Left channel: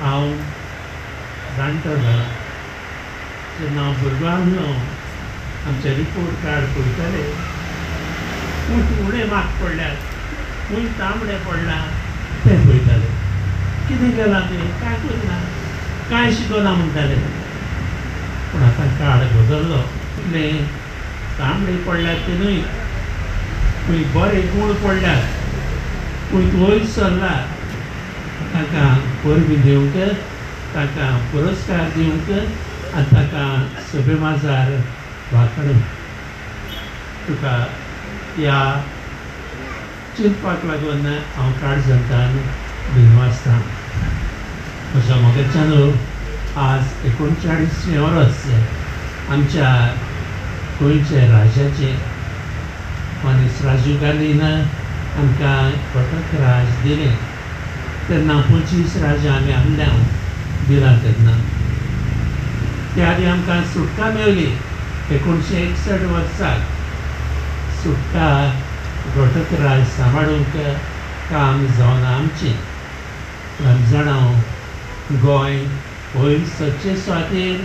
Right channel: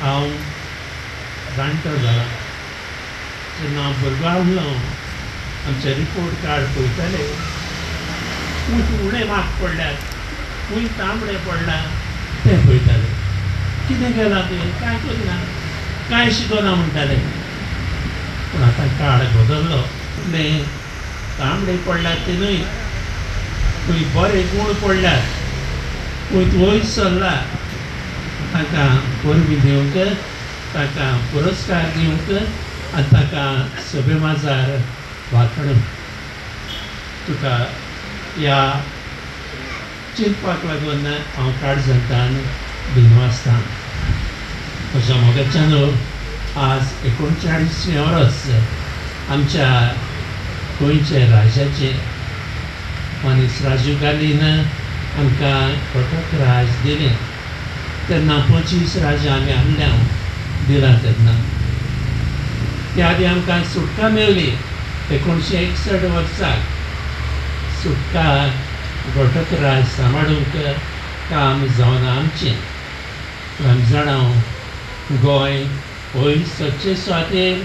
हांव जाणटो जालां जेन्ना हांव भुरगो आसलो आमचे रिपोर्ट कार्ड पळयताले खूंय उणे मार्क पडल्यात खूंय तांबडे पडला ते पळयताले कितें केलां तें कांय करना कांय शिकना म्हणटाले पूण आतां काळ बदललो इतले तांबडे पडल्यात ते न्हय खंय बरे गूण पडल्यात खंय वयर सरला ताका परबी दिवंक ताका पुरस्कार दिवंक आनी ताका सभे माजार वांकडूंक तुका ह्या चिंतपाक लागून हांव काळजांतान दिनवासतां म्हज्या मोगाच्यान आज 39वें वर्स आमच्या गोंयचे राजाचे मनीस राजीव गांधीन आमकां फकत राज दिलें तेन्ना 25 राजा आमी आहल्यान दिला तेन्ना त्या आदी आमकां सुटका मेळ्ळी 1961 वर्साक सुटका घटक राज सांबाळूंक काम जावना आमचें आमी जाणां गोंय वयर सच्चे सुवातेर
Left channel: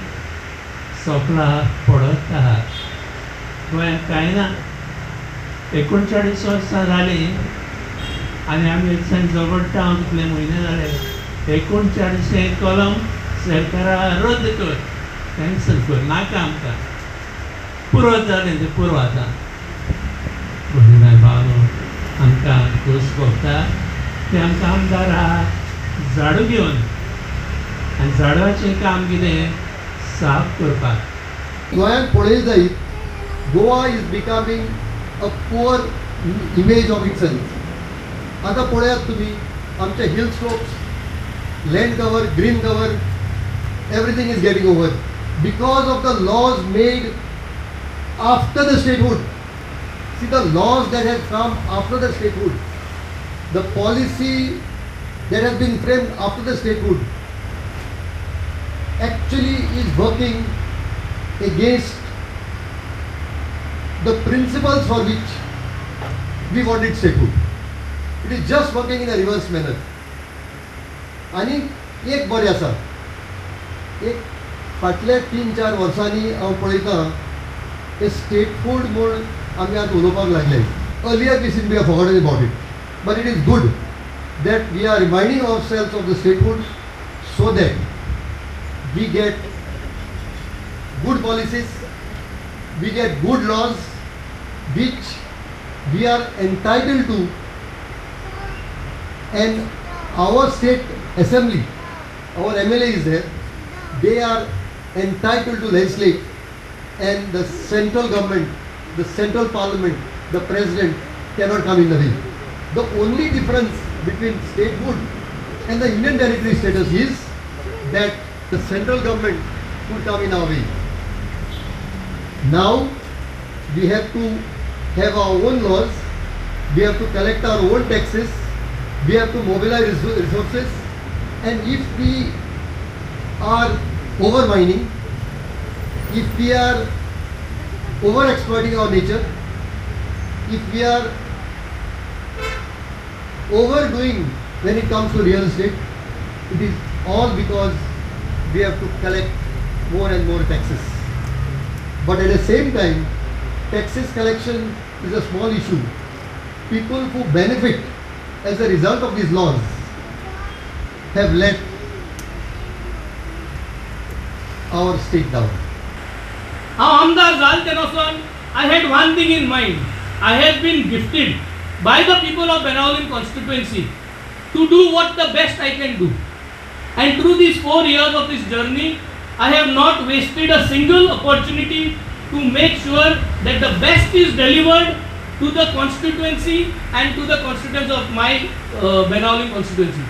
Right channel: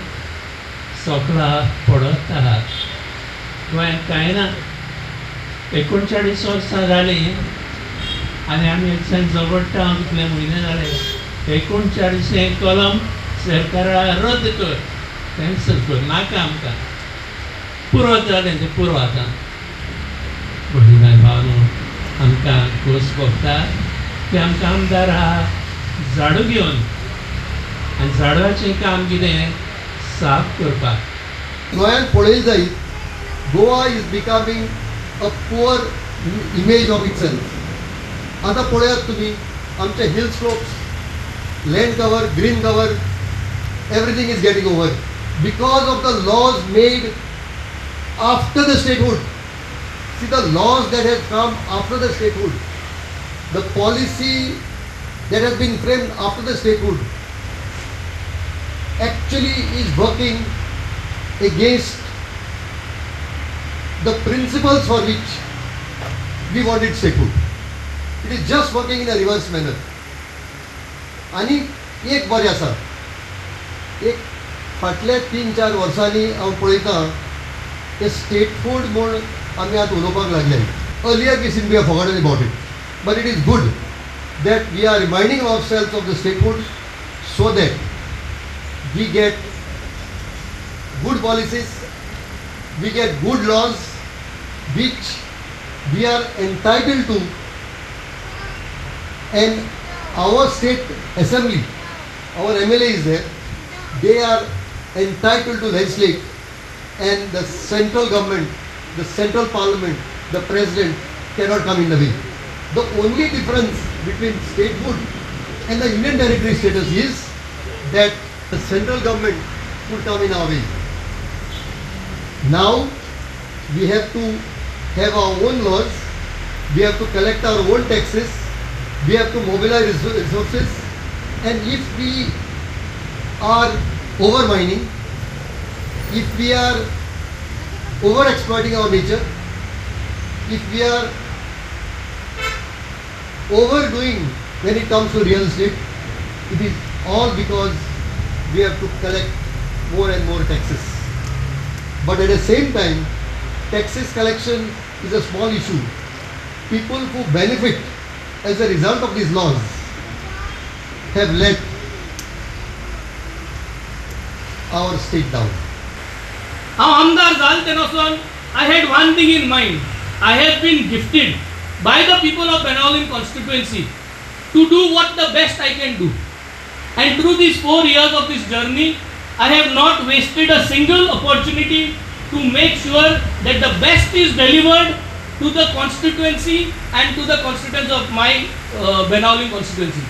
सोंपला पडत आहा गोंयांत कांय ना 39 वर्सां जालीं आनी आमी एकसांज झगडटा हांव कितले म्हयने जाले 39वें कलम सरकारा रद्द कर कॅन्सल कर नाका आमकां पुरो जालें तें पुरो आतां भगिनी भावनो आमकां खोस भोगता की आमकां आमदार आहा झाडू घेवन आनी झाडाचें काम कितें साफ करपाक गोंयांत पळय जायत Goa is becoming a poor image of itself आतां पळयात तुमी आमचे hill slopes land cover green cover everything is getting over because of the laws made after the statehood see the laws that has come after the statehood, the policy that has been framed after the statehood actually is working against the principles for which we wanted statehood. It is just working in a reverse manner. आणि एक बरें आसा एक फाटल्या 3-4 वर्सांनी हांव पळयतां हे statehood म्हूण आमी आतां उलोवपाक लागले earlier we seem be forgotten about it but it is good that we are reminding ourselves of the statehood so that we get good policies, we get good laws which we are entitled to, and our state assembly, our MLA is there, they are entitled to legislate, and the central government, the central parliament, the president cannot come in the way. The only difference between statehood and the Union territory status is that the central government could come in our way. Now we have to have our own laws, we have to collect our own taxes, we have to mobilize resources, and if we are overmining, if we are over exploiting our nature, if we are overdoing when it comes to real estate, it is all because we have to collect more and more taxes. But at the same time, taxes collection is a small issue. People who benefit as a result of these laws have let our state down. Amdar Zaltenason, I had one thing in mind. I have been gifted by the people of Benaulim constituency to do what the best I can do. And through these 4 years of this journey, I have not wasted a single opportunity to make sure that the best is delivered to the constituency and to the constituents of my Benaulim constituency.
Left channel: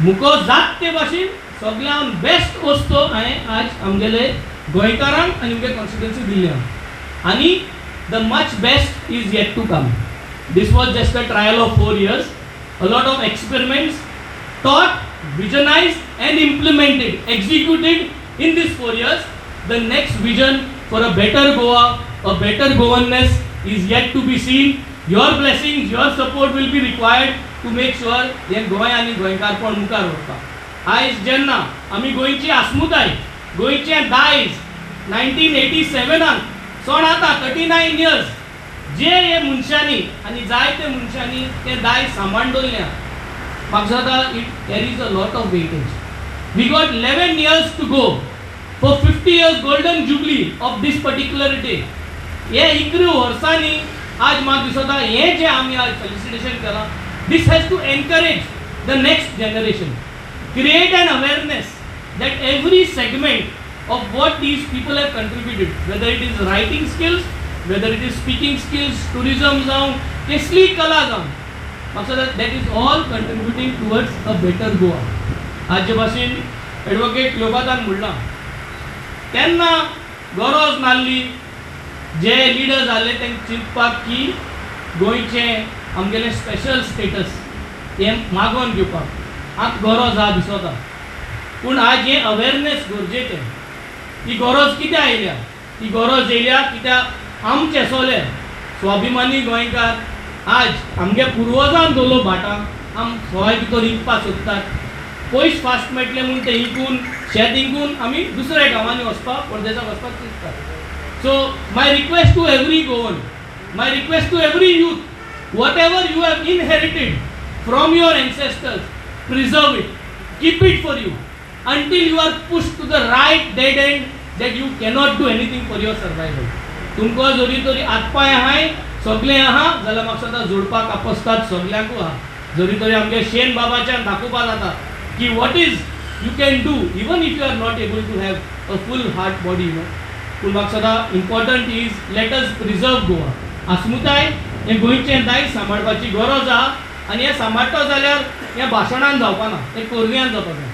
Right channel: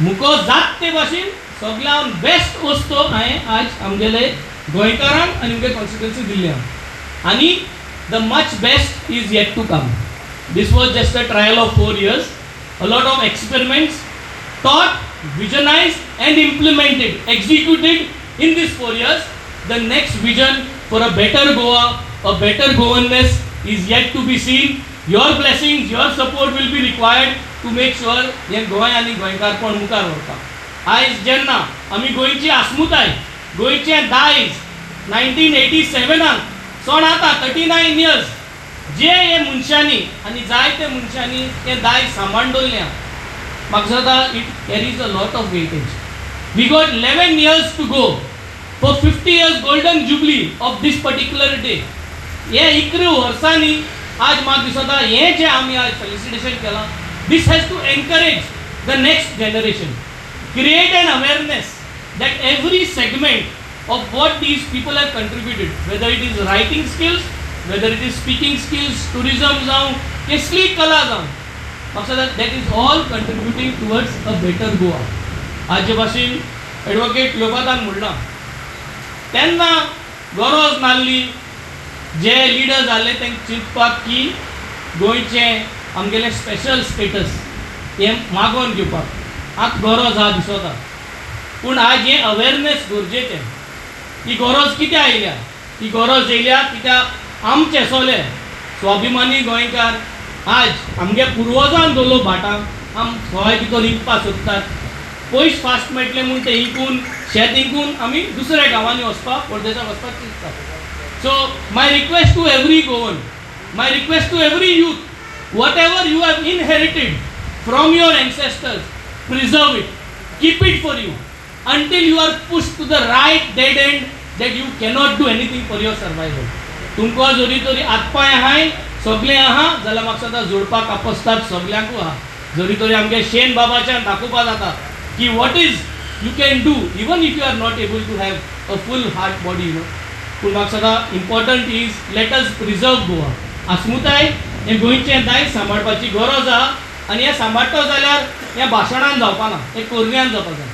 मुको जात ते भाशेन सगळ्यान best वस्तू हांवें आज आमगेले गोंयकारांक आनी आमगे कॉन्स्टिट्युएन्सी दिल्या आनी the much best is yet to come. This was just a trial of 4 years. A lot of experiments thought, visionized and implemented, executed in these 4 years. The next vision for a better Goa, a better governance is yet to be seen. Your blessings, your support will be required to make sure that Goa and Goinkar पण मुखार वता. आयज जेन्ना आमी गोंयची आस्मुताय गोंयचें दायज 1987 सोन आता 39 years जे हे मनशांनी आनी जायते मनशांनी तें दायज सांबाळून दवरल्या म्हाका दिसता it carries a lot of weightage we got 11 years to go for 50 years golden jubilee of this particular day हे 11 वर्सांनी आज म्हाका दिसता हे जे आमी आज फेलिसिटेशन केलां this has to encourage the next generation create an awareness that every segment of what these people have contributed, whether it is writing skills, whether it is speaking skills, tourism जावं कसली कला जावं म्हाका दिसता that is all contributing towards a better Goa. हाचे भाशेन advocate लोबादान म्हणला तेन्ना गरज नासली जे लिडर जाल्ले तांकां चिंतपाक की गोंयचें आमगेलें स्पेशल स्टेटस हें मागोवन घेवपाक आतां गरज आहा दिसता पूण आज हें अवेरनेस गरजेचें ही गरज कित्याक आयल्या ही गरज येयल्या कित्याक आमचे सोले स्वाभिमानी गोंयकार आज आमगे पुर्वजान दवरलो भाटांक आम गोंय भितर विकपाक सोदतात पयस फास्ट मेळटले म्हूण ते विकून शेत विकून आमी दुसऱ्या गांवांनी वचपाक परदेसाक वचपाक चिंततात so my request to every Goan my request to every youth whatever you have inherited from your ancestors, preserve it, keep it for you until you are pushed to the right dead end that you cannot do anything for your survival. तुमको जरी तरी आतपाय आहाय सगळे आहा जाल्यार म्हाका सदां जोडपाक आपोसतात सगळ्यांकू आहा जरी तरी आमगे शेन बाबाच्यान दाखोवपा जाता की what is you can do even if you are not able to have a full heart body पूण म्हाका सदां important is let us preserve Goa. आस्मुताय हे गोंयचें दायज सांबाळपाची गरज आहा आनी हें सांबाळटा जाल्यार ह्या भाशणान जावपाना तें कोरव्यान जावपा जाय